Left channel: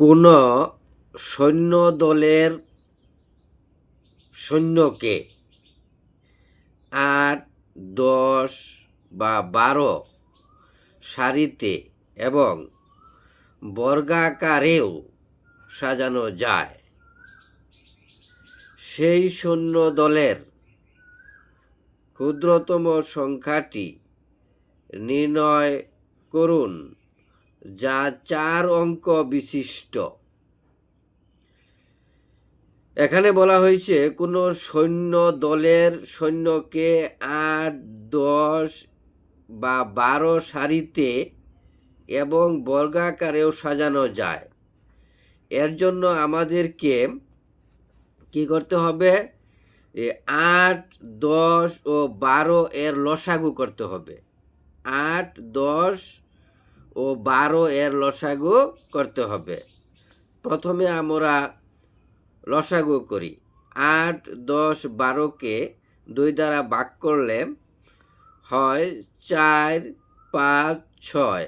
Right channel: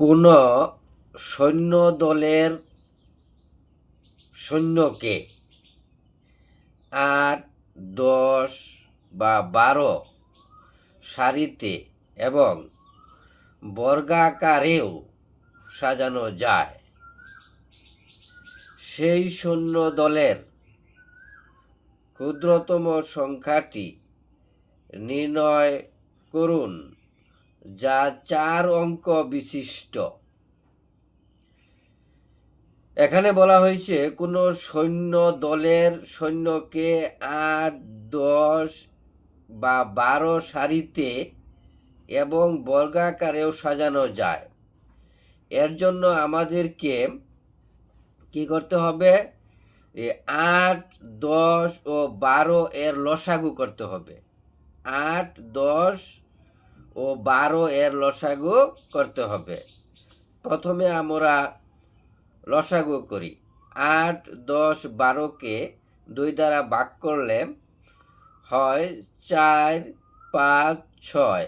কোনো সৈন্য দলের সৈন্যকে ৮, ১০ বা ১২ সারিতে এবং বর্গাকারেও সাজানো যায়। সেই সৈন্য দলের ক্ষুদ্রতম সংখ্যাটি নির্ণয় করুন যা ৪ অঙ্ক বিশিষ্ট। এখানে বলা হয়েছে কোনো সৈন্য দলের সৈন্যকে ৮, ১০ বা ১২ সারিতে এবং বর্গাকারেও সাজানো যায়। এর জন্য আমাদেরকে কি করতে হবে? ৮, ১০ ও ১২ এর লসাগু করতে হবে। ৮, ১০ ও ১২ এর লসাগু করতে হবে। প্রথমে আমরা লসাগু করি। ৮, ১০, ১২কে ২ দ্বারা ভাগ করলে হয় ৪, ৫, ৬।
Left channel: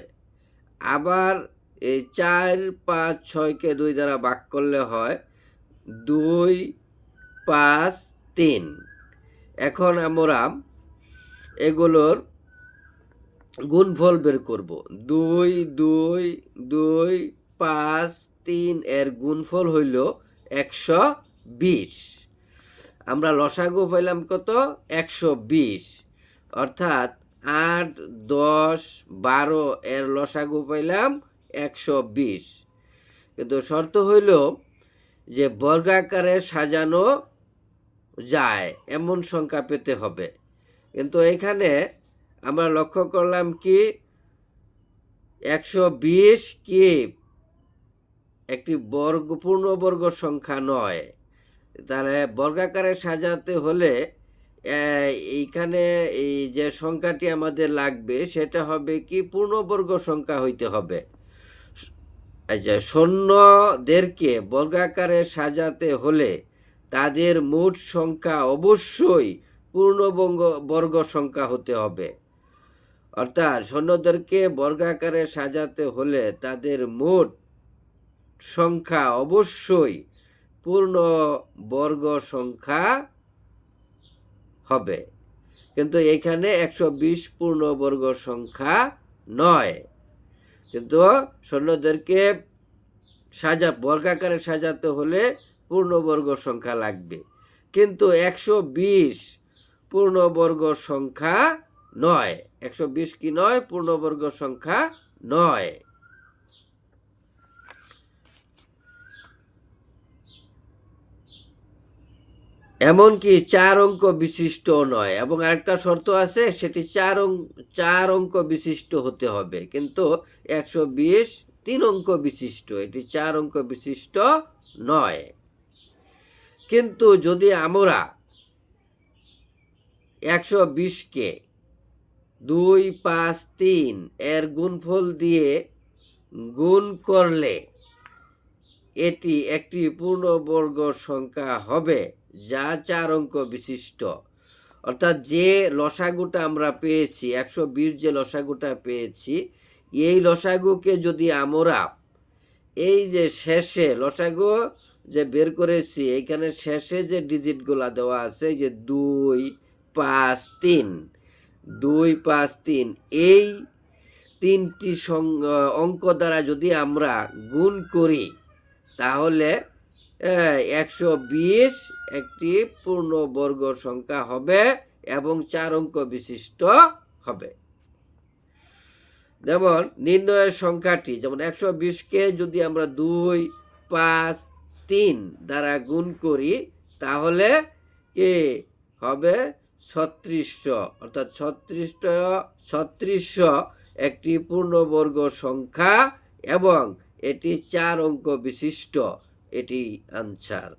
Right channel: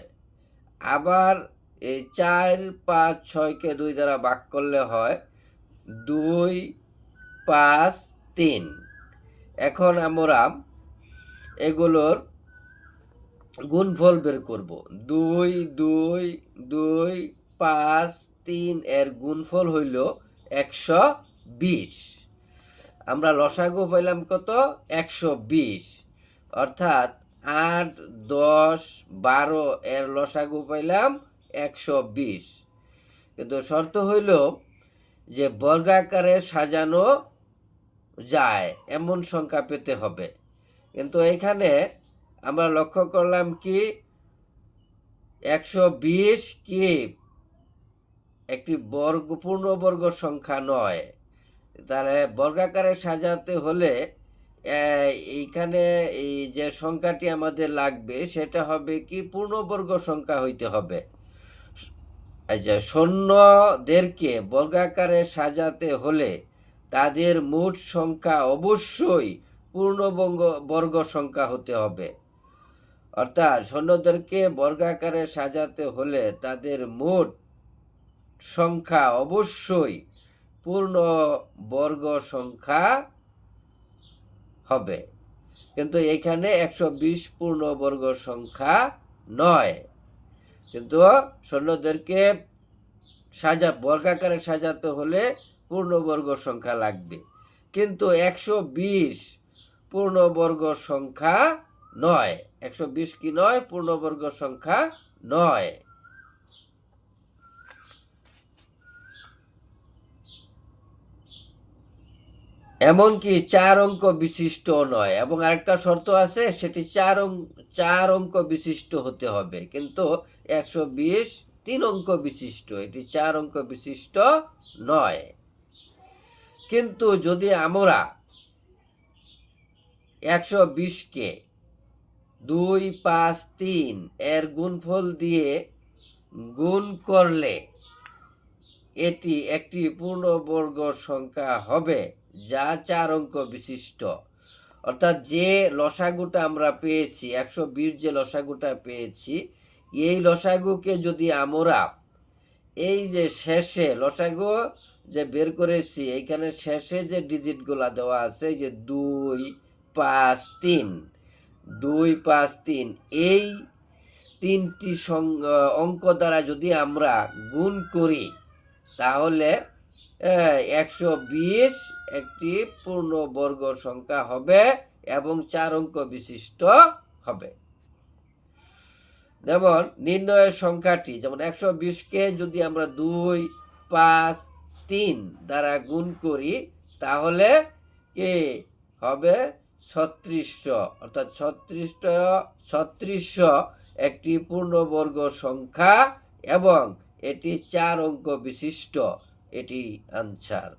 আবার এই ৪, ৫, ৬কে ২ দ্বারা ভাগ করলে হয় ২, ৫, ৩। এখন আমরা এগুলোর গুণফল বের করব। ২, ২, ২, ৫, ৩ এর গুণফল হইল ১২০। আমরা লসাগু পাইলাম কত? ১২০। অর্থাৎ ৮, ১০, ১২ এর লসাগু পাইলাম ১২০। কিন্তু শর্ত হইল যে বর্গাকারে সাজানো যায় এমন সংখ্যা পেতে হবে। কিন্তু এখানে আমরা লক্ষ্য করলাম কি ১২০ কি একটি পূর্ণবর্গ সংখ্যা নয়। তাহলে বর্গাকারে সাজাতে হলে এইখানে এই যে সংখ্যাটি আমাদের লাগবে সেটা হবে কি পূর্ণবর্গ সংখ্যা হইতে হবে। আচ্ছা, সৈন্যদেরকে বর্গাকারে সাজাতে হলে তাদের মোট সংখ্যা অবশ্যই পূর্ণবর্গ সংখ্যা হতে হবে। অর্থাৎ সৈন্যদেরকে বর্গাকারে সাজাতে হলে তাদের মোট সংখ্যা অবশ্যই পূর্ণবর্গ সংখ্যা হবে। কিন্তু এখানে ১২০ পূর্ণবর্গ সংখ্যা নয়। কিন্তু সৈন্যদেরকে বর্গাকারে সাজাতে হলে পূর্ণবর্গ সংখ্যা লাগবে। কিন্তু ১২০ পূর্ণবর্গ সংখ্যা নয়। ১২০ কি নয়? পূর্ণবর্গ সংখ্যা নয়। এমনকি ৪ অঙ্ক বিশিষ্ট নয়। এবং আরেকটা শর্ত আছে, সেটি ৪ অঙ্ক বিশিষ্ট হতে হবে। কিন্তু ১২০ ৩ অঙ্ক বিশিষ্ট, এটি ৪ অঙ্ক বিশিষ্ট নয়। কিন্তু যদি আমরা ১২০কে ২, ৫, ৩ এর গুণফল দিয়ে গুণ করলে এটি একটি পূর্ণবর্গ সংখ্যা হবে যা ৪ অঙ্ক বিশিষ্ট। অর্থাৎ যে লসাগুটা আমরা পেয়েছি, ১২০ যে লসাগুটা পেয়েছি, এই লসাগুকে যদি আমরা এই যে শেষে লসাগু যে বের করেছি, এইখানে শেষে যে ডিজিটগুলা দেওয়া আছে, যে ২, ৫, ৩, ২, ৫, ৩, এই ৩টি অঙ্ক দ্বারা যদি আমরা গুণ করি তাহলে ১২০ একটি পূর্ণবর্গ সংখ্যা হবে এবং ৪ অঙ্ক বিশিষ্ট হবে। যেমন নির্ণয়ের সংখ্যাটি, যেমন ১২০কে যদি আমরা ২, ৫, ৩ দ্বারা গুণ করি তাহলে কি হবে? ৩৬০০। অর্থাৎ ৩৬০০ একটি পূর্ণবর্গ সংখ্যা এবং এটি ৪ অঙ্ক বিশিষ্ট। এটি আনসার।